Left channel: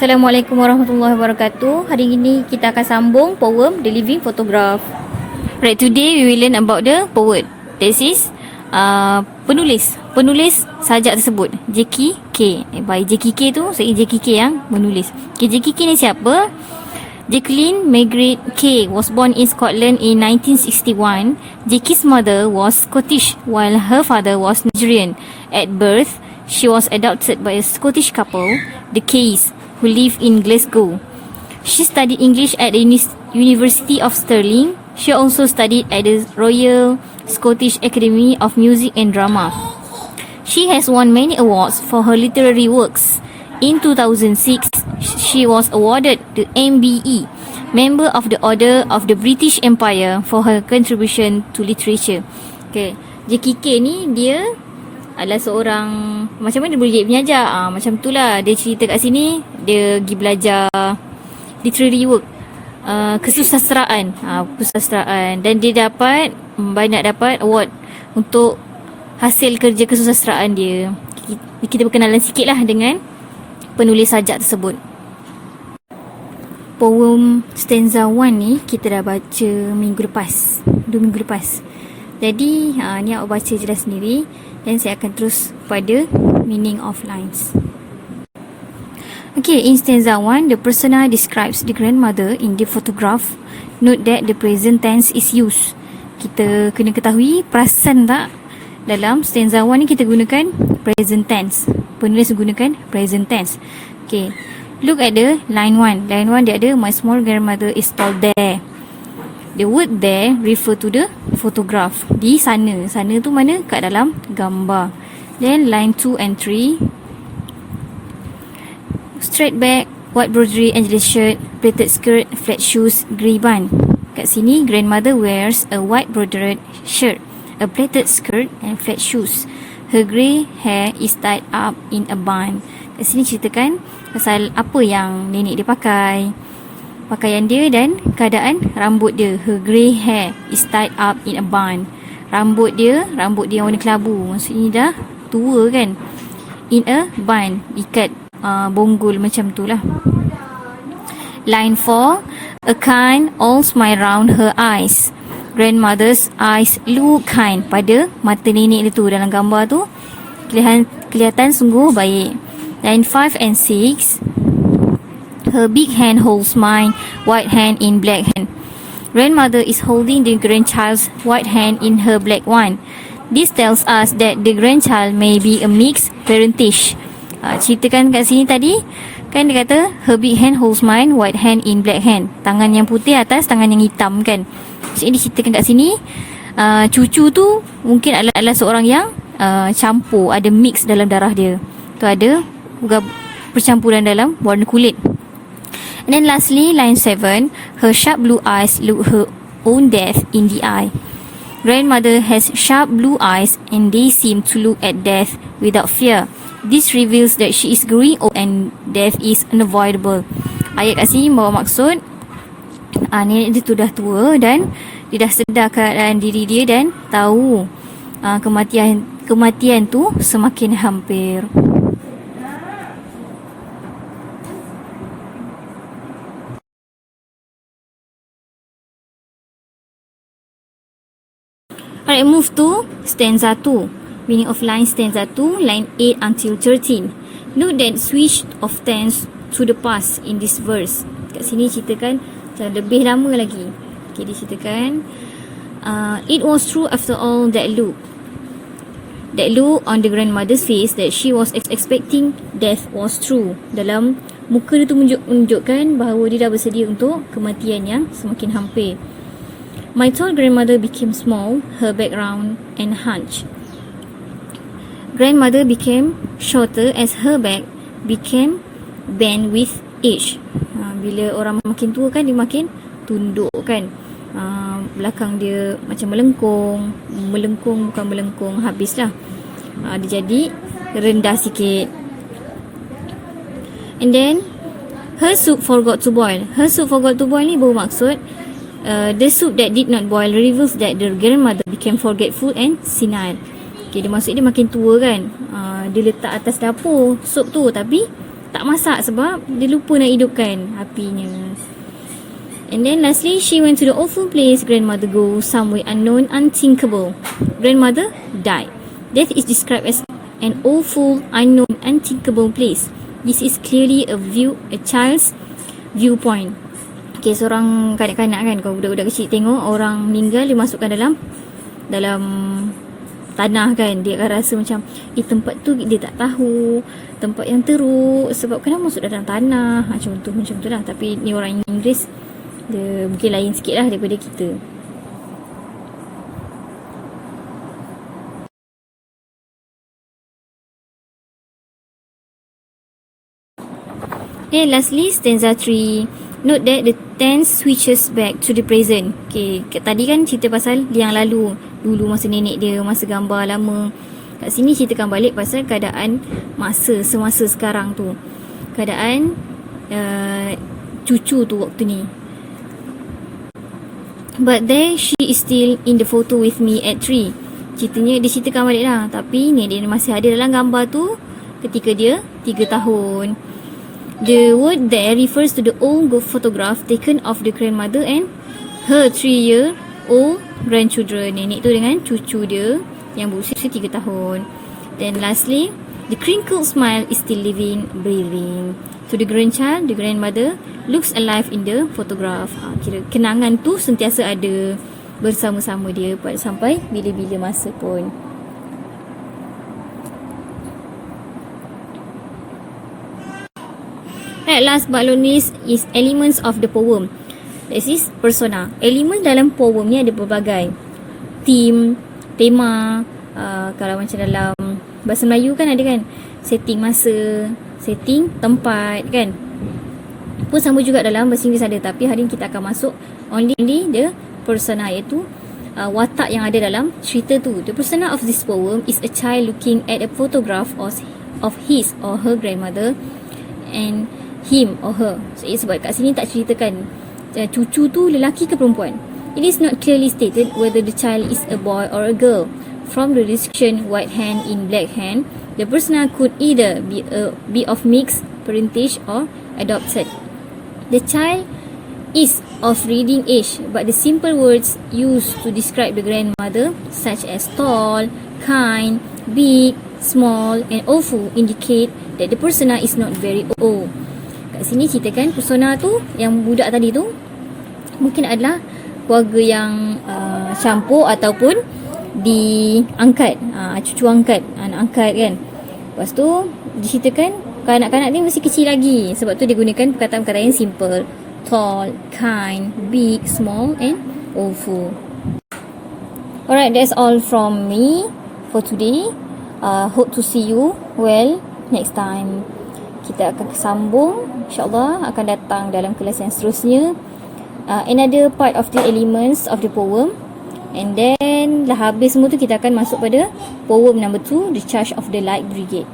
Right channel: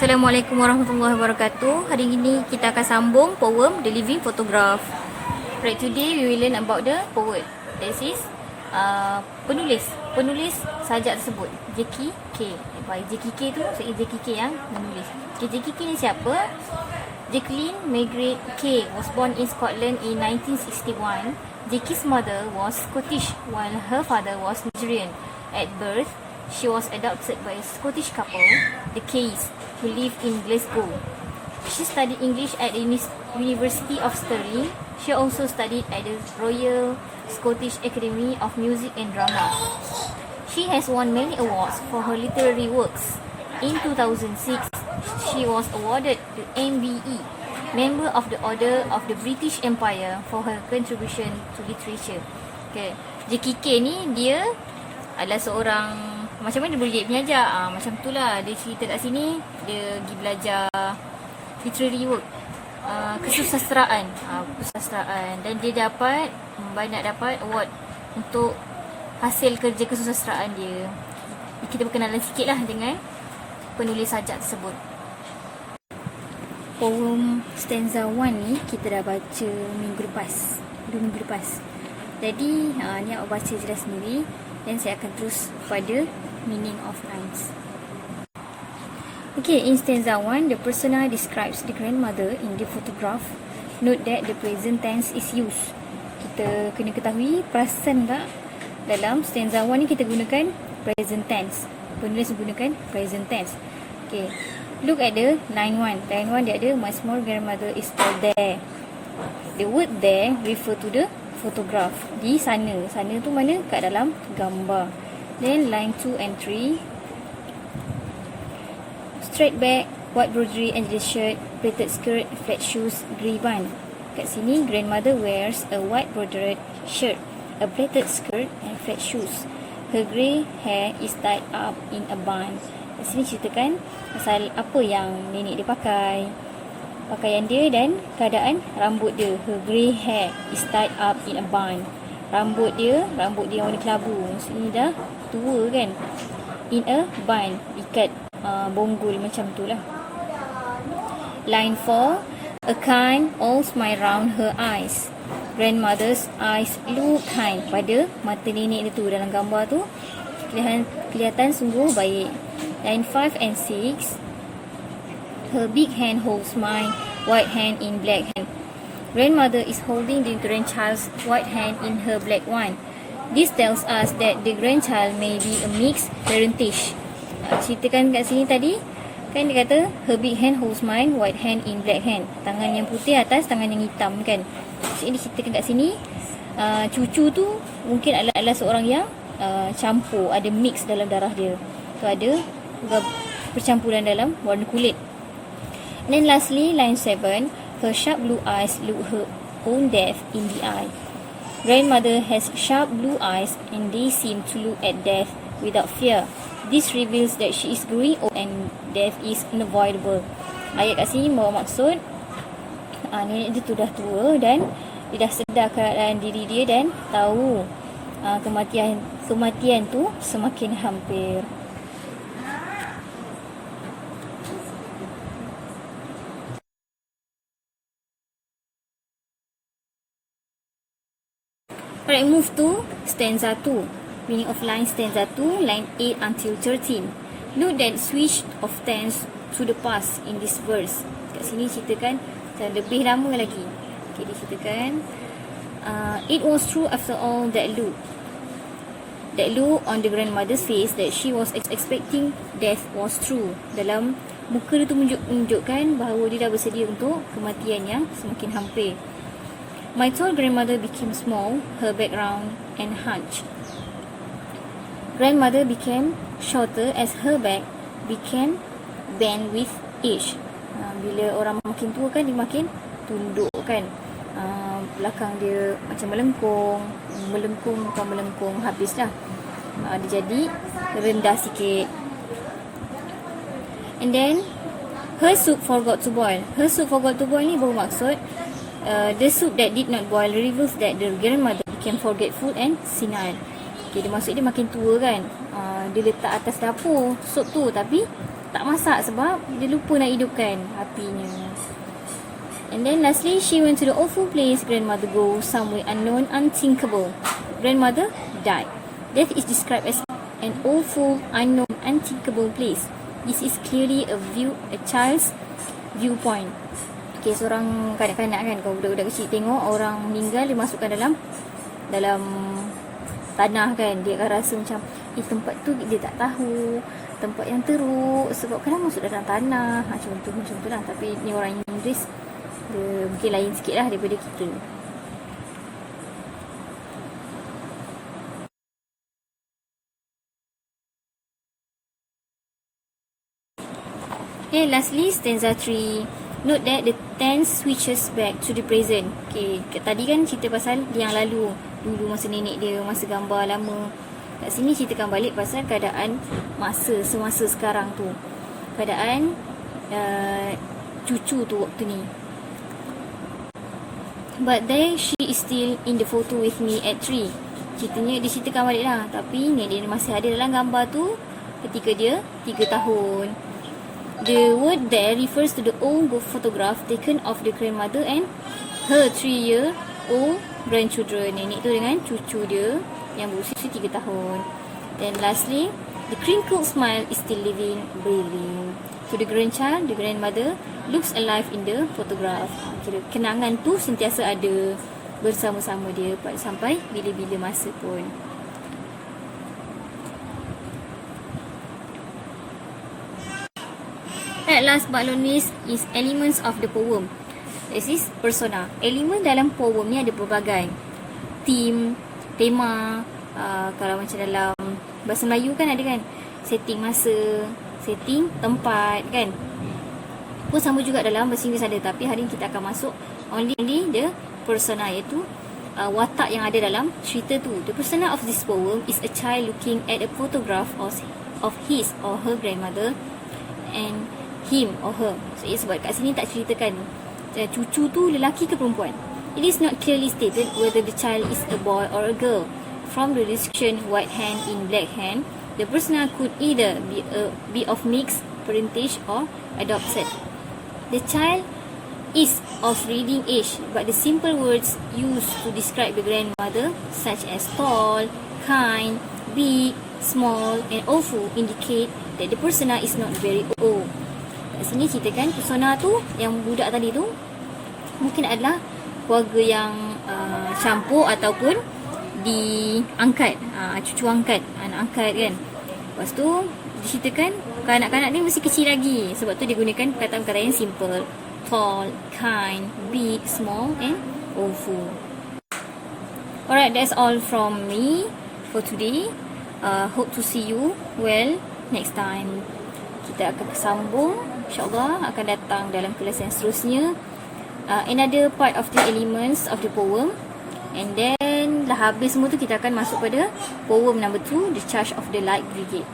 Assalamualaikum warahmatullahi wabarakatuh. Hari ini kita akan sambung poem The Living Photograph. Right, today we will learn about the poet. This is penulis sajak tersebut, J.K.K. By J.K.K tu, saya J.K.K yang menulis. Okay, J.K.K ni siapa? Jacqueline Margaret K was born in Scotland in 1961. J.K.'s mother was Scottish while her father was Nigerian. At birth, she was adopted by a Scottish couple, the Kays, who lived in Glasgow. She studied English at the University of Stirling. She also studied at the Royal Scottish Academy of Music and Drama. She has won many awards for her literary works. In 2006, she was awarded the MBE, Member of the Order of the British Empire, for her contribution to literature. Okay, JKK ni dia adalah seorang, macam mana dia boleh jadi penyajar, macam itulah dia cerita kat sini. Dia pergi belajar literary work, kesusasteraan, dan dia dapat banyak award untuk hasil kerja kesusasteraan dia. Kita berkenalan sikit lah dengan penulis sajak tersebut. Poem stanza 1 ni kita dah baca 2 minggu lepas. Jadi ni awak baca je dah sendiri. Dan saya akan terus pada meaning of lines. Okay, in stanza 1, the persona describes the grandmother in the photograph. Note that the present tense is used. Kita kena ketahui, perasan tak? Dalam stanza 1 ni kita gunakan present tense. Penulis gunakan present tense. Okay, look at the line 1. Line 1 dia ada, my small grandmother is still there. The word there refer to the photograph. Di sana. Sana tu mana? Kat dalam gambar. Then line 2 and 3. Straight back, white broderie, Angeles shirt, pleated skirt, flat shoes, grey bun. Kat sini grandmother wears a white brodered shirt, a pleated skirt and flat shoes. Her grey hair is tied up in a bun. Kat sini ceritakan pasal apa yang nenek dia pakai, pakaian dia dan keadaan rambut dia. Her grey hair is tied up in a bun. Rambut dia warna kelabu. Maksudnya dah tua kan. In a bun, ikat bonggol macam tu lah. Line 4, a kind all smile round her eyes. Grandmother's eyes look kind. Pada mata nenek dia tu dalam gambar tu kelihatan sungguh baik. Line 5 and 6, her big hand holds mine, white hand in black hand. Grandmother is holding the grandchild's white hand in her black one. This tells us that the grandchild may be a mixed parentage. Ceritakan kat sini tadi, kan dia kata her big hand holds mine, white hand in black hand. Tangan yang putih atas tangan yang hitam kan. Jadi diceritakan kat sini, cucu tu mungkin adalah seorang yang campur, ada mix dalam darah dia. Tu ada percampuran dalam warna kulit. And then lastly, line 7, her sharp blue eyes look her own death in the eye. Grandmother has sharp blue eyes and they seem to look at death without fear. This reveals that she is growing old and death is unavoidable. Ayat kat sini bawa maksud nenek dia tu dah tua dan dia dah sedar keadaan diri dia dan tahu kematian tu semakin hampir. Alright, move to stanza 2. Meaning of line stanza 2, line 8 until 13. Note that switch of tense to the past in this verse. Kat sini ceritakan lebih lama lagi. Okay, dia ceritakan it was true after all that look on the grandmother's face that she was expecting death was true. Dalam muka dia tu menunjukkan bahawa dia dah bersedia untuk kematian yang semakin hampir. My tall grandmother became small, her back round and hunched. Grandmother became shorter as her back became bent with age. Bila orang makin tua kan, dia makin tunduk kan. Belakang dia macam melengkung, habislah. Dia jadi rendah sikit. And then her soup forgot to boil. Her soup forgot to boil ni bermaksud the soup that did not boil reveals that the grandmother became forgetful and senile. Okay, dia maksud dia makin tua kan. Dia letak atas dapur sup tu tapi tak masak sebab dia lupa nak hidupkan apinya. And then lastly, she went to the awful place grandmother goes, somewhere unknown, unthinkable. Grandmother died. Death is described as an awful, unknown, unthinkable place. This is clearly a child's viewpoint. Okay, seorang kanak-kanak kan, kalau budak-budak kecil tengok orang meninggal, dia masukkan dalam tanah kan, dia akan rasa macam tempat tu dia tak tahu, tempat yang teruk sebab kenapa masuk dalam tanah, macam tu lah. Tapi ni orang Inggeris, dia mungkin lain sikit lah daripada kita. Okay, lastly, stanza 3. Note that the tense switches back to the present. Okay, tadi kan cerita pasal yang lalu, dulu masa nenek dia, masa gambar lama. Kat sini ceritakan balik pasal keadaan semasa sekarang tu. Keadaan cucu tu waktu ni. But there she is still in the photo with me at 3. Ceritanya dia ceritakan balik lah, tapi nenek dia masih ada dalam gambar tu ketika dia 3 tahun. The word there refers to the old photograph taken of the grandmother and her 3-year-old grandchildren. Nenek tu dengan cucu dia yang berusia 3 tahun. Then lastly, the crinkled smile is still living, breathing. To the grandchild, the grandmother looks alive in the photograph. Kira kenangan tu sentiasa ada bersama-sama dia sampai bila-bila masa pun. At last but not least is elements of the poem. This is persona. Elemen dalam poem ni ada berbagai. Tema, kalau macam dalam bahasa Melayu kan ada kan, setting masa, setting tempat kan. Pun sama juga dalam bahasa Inggeris ada, tapi hari ni kita akan masuk only the persona, iaitu watak yang ada dalam cerita tu. The persona of this poem is a child looking at a photograph of his or her grandmother and him or her. So, sebab kat sini tak ceritakan cucu tu lelaki ke perempuan. It is not clearly stated whether the child is a boy or a girl. From the description white hand in black hand, the persona could either be of mixed parentage or adopted. The child is of reading age, but the simple words used to describe the grandmother, such as tall, kind, big, small, and awful, indicate that the persona is not very old. Kat sini ceritakan persona tu, yang budak tadi tu mungkin adalah keluarga yang campur ataupun diangkat, cucu angkat, anak angkat kan. Lepas tu diceritakan kanak-kanak ni masih kecil lagi, sebab tu dia gunakan perkataan-perkataan yang simple. Tall, kind, big, small, and awful. Alright, that's all from me for today. Hope to see you next time. Kita akan sambung, insyaAllah akan datang dalam kelas yang seterusnya. Another part of the elements of the poem. And then dah habis semua tu, kita akan masuk pada poem number 2, The Charge of the Light Brigade.